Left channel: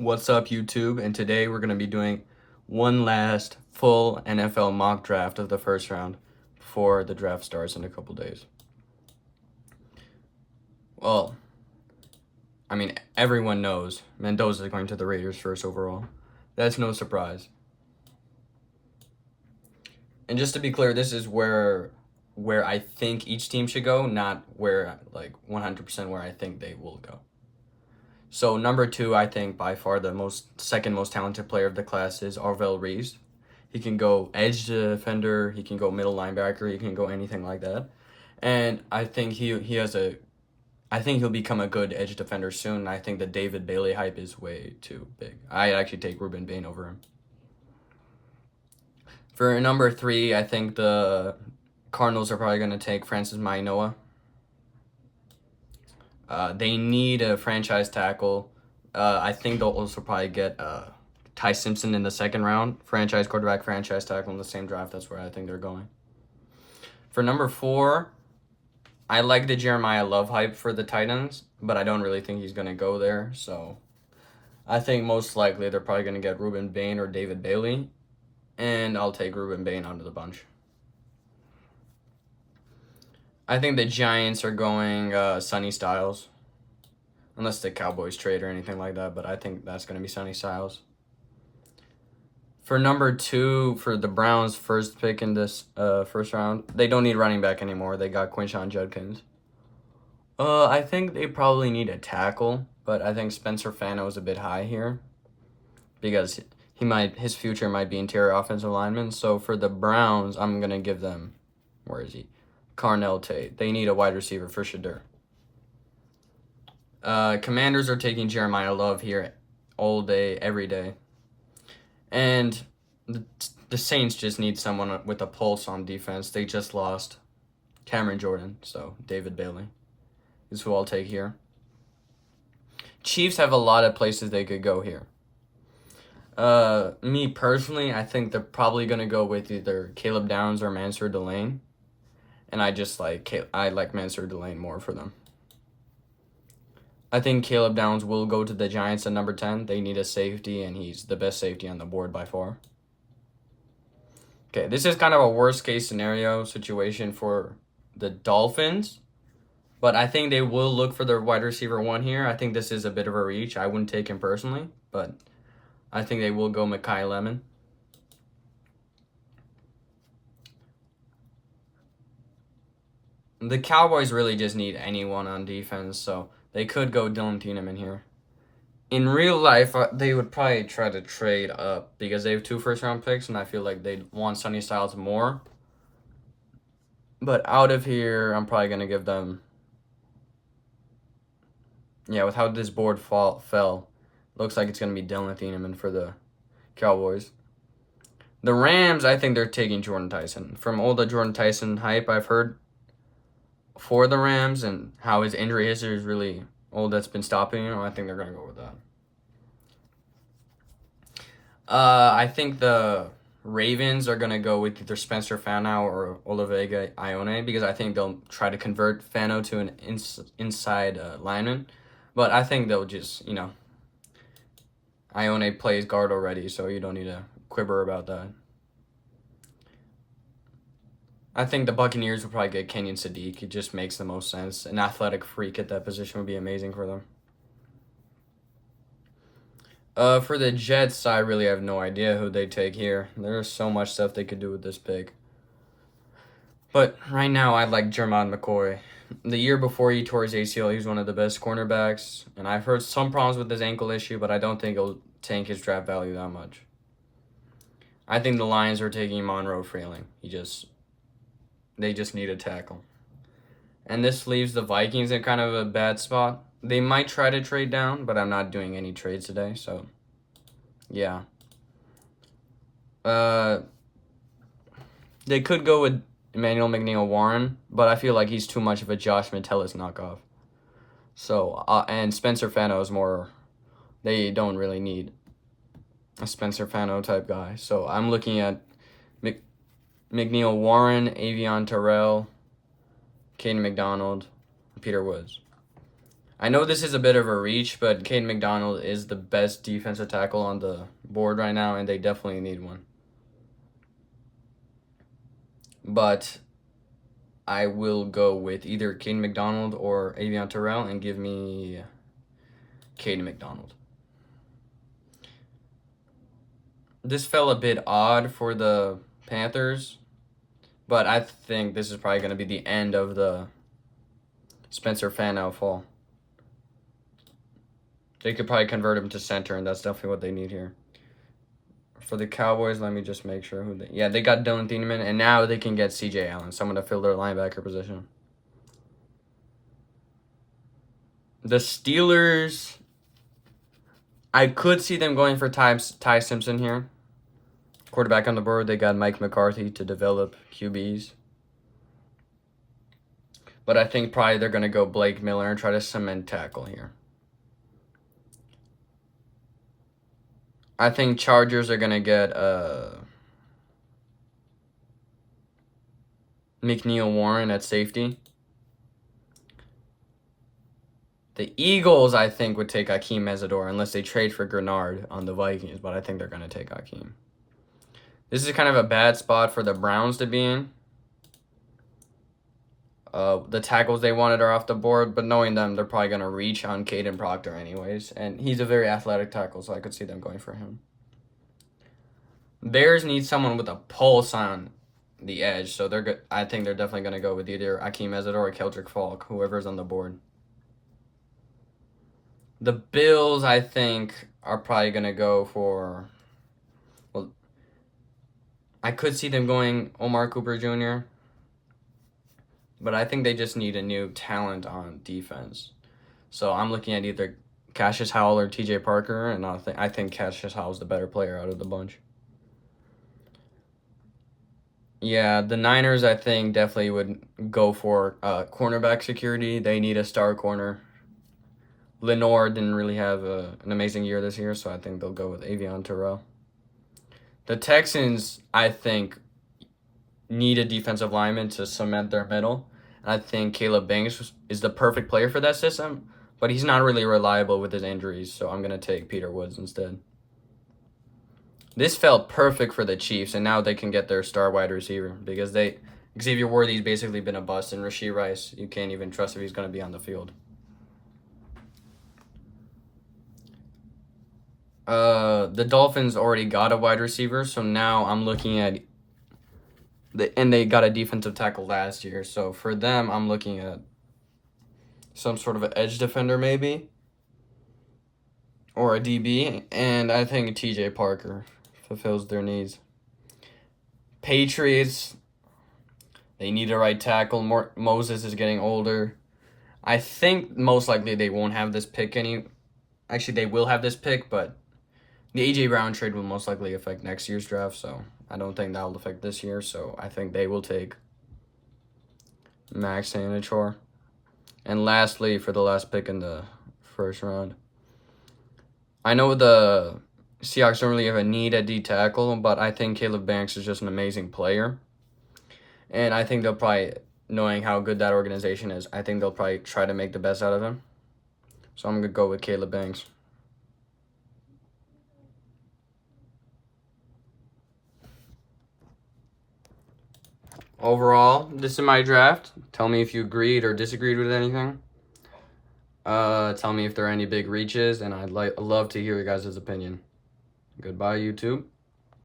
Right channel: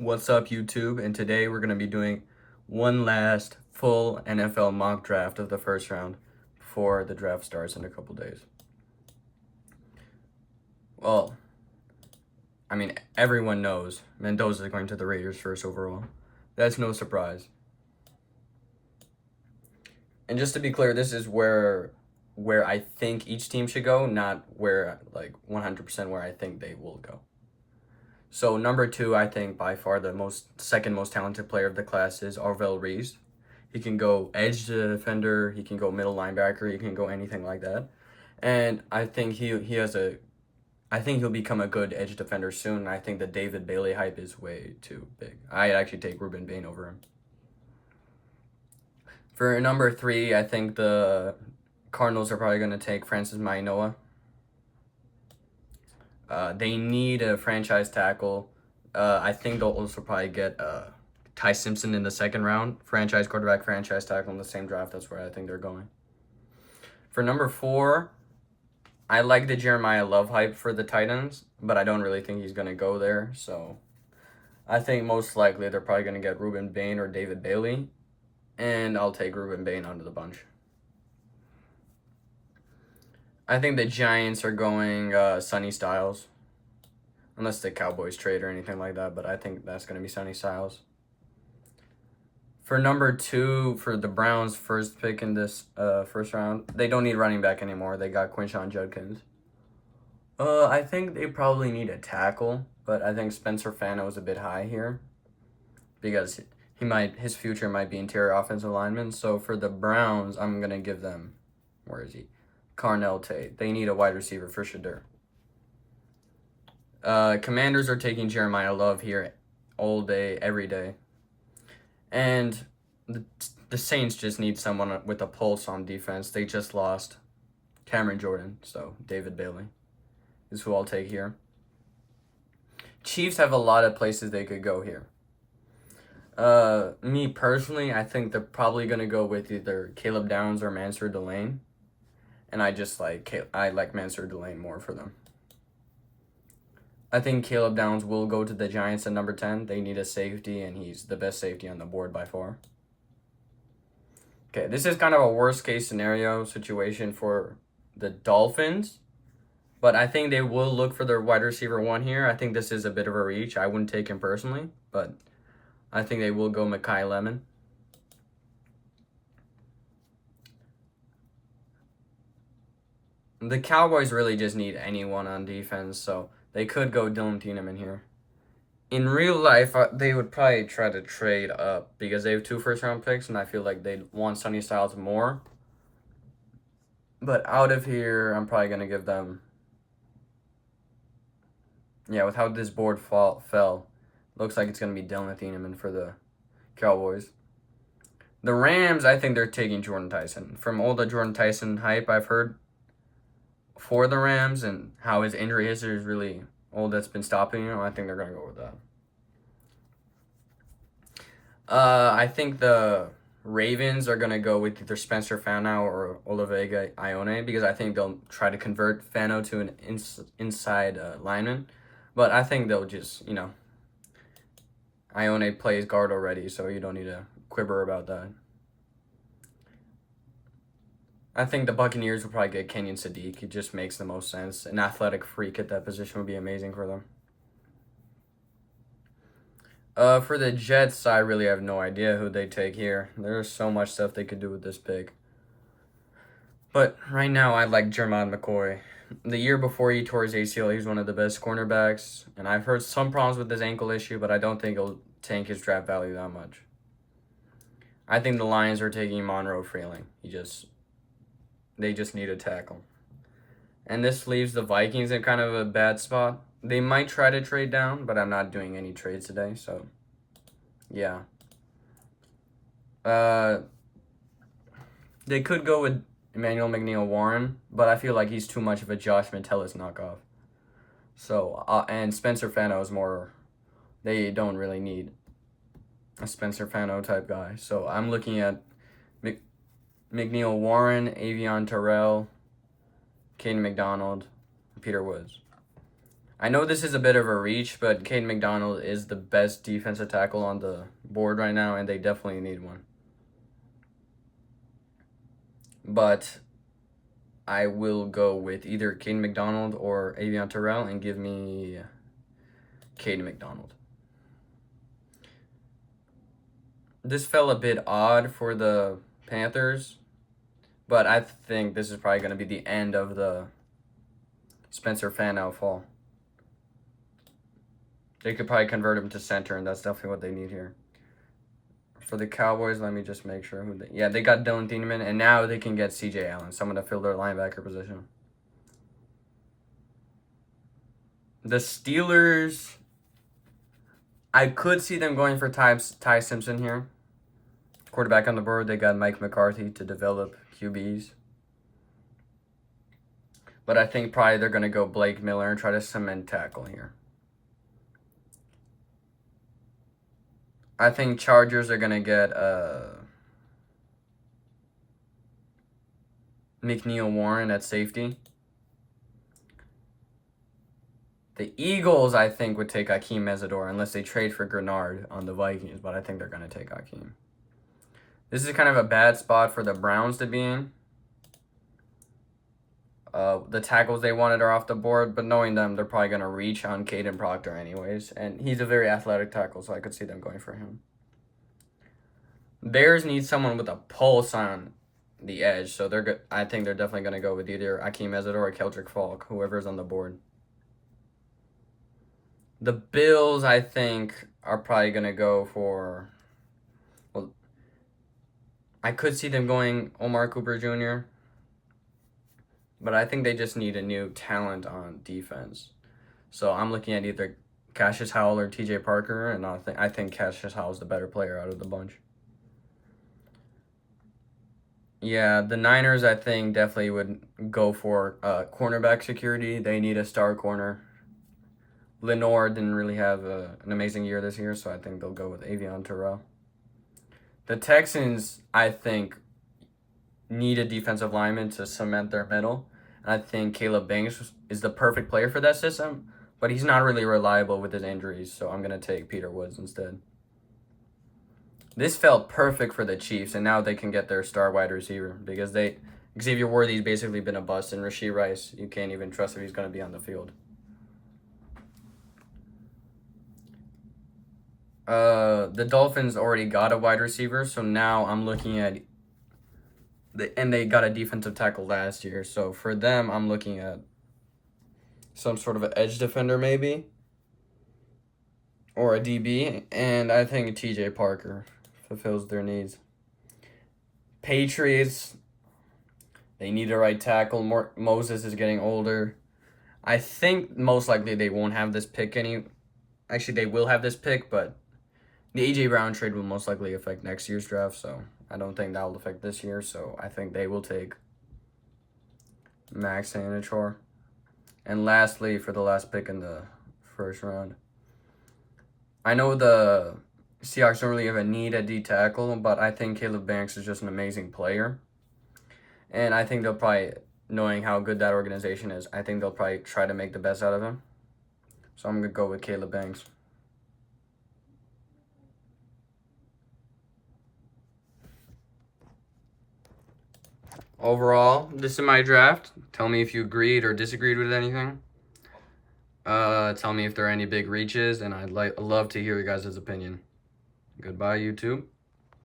What's up, YouTube? And today we're going to be doing one last full NFL mock draft of the first round before the draft starts in a couple days. Well, everyone knows Mendoza is going to the Raiders first overall. That's no surprise. And just to be clear, this is where I think each team should go, not where 100% where I think they will go. So number 2, I think by far the second most talented player of the class is Arvell Reeves. He can go edge defender, he can go middle linebacker, he can go anything like that. And I think I think he'll become a good edge defender soon. I think the David Bailey hype is way too big. I'd actually take Ruben Bain over him. For number 3, I think the Cardinals are probably going to take Francis Mauigoa. They need a franchise tackle. I think they'll also probably get Ty Simpson in the second round. Franchise quarterback, franchise tackle in the same draft. That's where I think they're going. For number 4, I like the Jeremiah Love hype for the Titans, but I don't really think he's going to go there. So I think most likely they're probably going to get Ruben Bain or David Bailey, and I'll take Ruben Bain out of the bunch. I think the Giants are going Sonny Styles. Unless the Cowboys trade or anything like that, but I think that's going to be Sonny Styles. For number 2, for the Browns' first pick in this first round, they don't need running back anymore. They got Quinshon Judkins. I think they probably need a tackle, but I think Spencer Fano is a bit high here because his future might be interior offensive lineman. So for the Browns, I'm going to give them, where is he? Carnell Tate. They need a wide receiver for sure. Commanders are taking Jeremiah Love here all day, every day. And the Saints just need someone with a pulse on defense. They just lost Cameron Jordan, so David Bailey is who I'll take here. Chiefs have a lot of places they could go here. Me personally, I think they're probably going to go with either Caleb Downs or Mansour Delane. And I like Mansour Delane more for them. I think Caleb Downs will go to the Giants at number 10. They need a safety, and he's the best safety on the board by far. Okay, this is kind of a worst-case scenario situation for the Dolphins, but I think they will look for their wide receiver 1 here. I think this is a bit of a reach. I wouldn't take him personally, but I think they will go Mekhi Lemon. The Cowboys really just need anyone on defense, so they could go Dylan Tiedemann here. In real life, they would probably try to trade up because they have 2 first-round picks, and I feel like they'd want Sonny Styles more. But out of here, I'm probably going to give them... Yeah, with how this board fell, looks like it's going to be Dylan Tiedemann for the Cowboys. The Rams, I think they're taking Jordan Tyson. From all the Jordan Tyson hype I've heard for the Rams and how his injury history is really all that's been stopping him, I think they're going to go with that. I think the Ravens are going to go with either Spencer Fano or Olavide Ione because I think they'll try to convert Fano to an inside lineman. But I think they'll just, Ione plays guard already, so you don't need to quibber about that. I think the Buccaneers will probably get Kenyon Sadiq. It just makes the most sense. An athletic freak at that position would be amazing for them. For the Jets, I really have no idea who they take here. There's so much stuff they could do with this pick. But right now, I like Jermon McCoy. The year before he tore his ACL, he was one of the best cornerbacks. And I've heard some problems with his ankle issue, but I don't think it'll tank his draft value that much. I think the Lions are taking Monroe Freeling. They just need a tackle. And this leaves the Vikings in kind of a bad spot. They might try to trade down, but I'm not doing any trades today, so yeah. They could go with Emmanuel McNeil-Warren, but I feel like he's too much of a Josh Metellus knockoff. So, and Spencer Fano is more, they don't really need a Spencer Fano type guy. So I'm looking at McNeil-Warren, Avion Terrell, Caden McDonald, Peter Woods. I know this is a bit of a reach, but Caden McDonald is the best defensive tackle on the board right now, and they definitely need one. But I will go with either Caden McDonald or Avion Terrell and give me Caden McDonald. This felt a bit odd for the Panthers, but I think this is probably going to be the end of the Spencer Fano fall. They could probably convert him to center, and that's definitely what they need here. For the Cowboys, let me just make sure who they... Yeah, they got Dylan Thieneman, and now they can get C.J. Allen, someone to fill their linebacker position. The Steelers, I could see them going for Ty Simpson here. Quarterback on the board, they got Mike McCarthy to develop QBs. But I think probably they're going to go Blake Miller and try to cement tackle here. I think Chargers are going to get McNeil Warren at safety. The Eagles, I think, would take Akeem Mesidor unless they trade for Grenard on the Vikings, but I think they're going to take Akeem. This is kind of a bad spot for the Browns to be in. The tackles they wanted are off the board, but knowing them, they're probably going to reach on Caden Proctor anyways, and he's a very athletic tackle, so I could see them going for him. Bears need someone with a pulse on the edge, so they're good. I think they're definitely going to go with either Akeem Mesidor or Keldrick Falk, whoever's on the board. The Bills, I think, are probably going to go for... Well, I could see them going Omar Cooper Jr., but I think they just need a new talent on defense. So I'm looking at either Cassius Howell or TJ Parker, and I think Cassius Howell's the better player out of the bunch. Yeah, the Niners, I think, definitely would go for cornerback security. They need a star corner. Lenore didn't really have an amazing year this year, so I think they'll go with Avion Terrell. The Texans, I think, need a defensive lineman to cement their middle. And I think Caleb Banks is the perfect player for that system, but he's not really reliable with his injuries, so I'm going to take Peter Woods instead. This felt perfect for the Chiefs, and now they can get their star wide receiver because Xavier Worthy's basically been a bust, and Rashee Rice, you can't even trust if he's going to be on the field. The Dolphins already got a wide receiver, so now I'm looking at and they got a defensive tackle last year, so for them, I'm looking at some sort of an edge defender maybe, or a DB, and I think TJ Parker fulfills their needs. Patriots, they need a right tackle. Moses is getting older. I think most likely they won't have this pick Actually, they will have this pick, but the A.J. Brown trade will most likely affect next year's draft, so I don't think that will affect this year. So I think they will take Max Sanachor. And lastly, for the last pick in the first round, I know the Seahawks don't really have a need at D tackle, but I think Caleb Banks is just an amazing player. And I think they'll probably, knowing how good that organization is, I think they'll probably try to make the best out of him. So I'm going to go with Caleb Banks. Overall, this is my draft. Tell me if you agreed or disagreed with anything. Tell me if there are any big reaches, and I'd love to hear your guys' opinion. Goodbye, YouTube.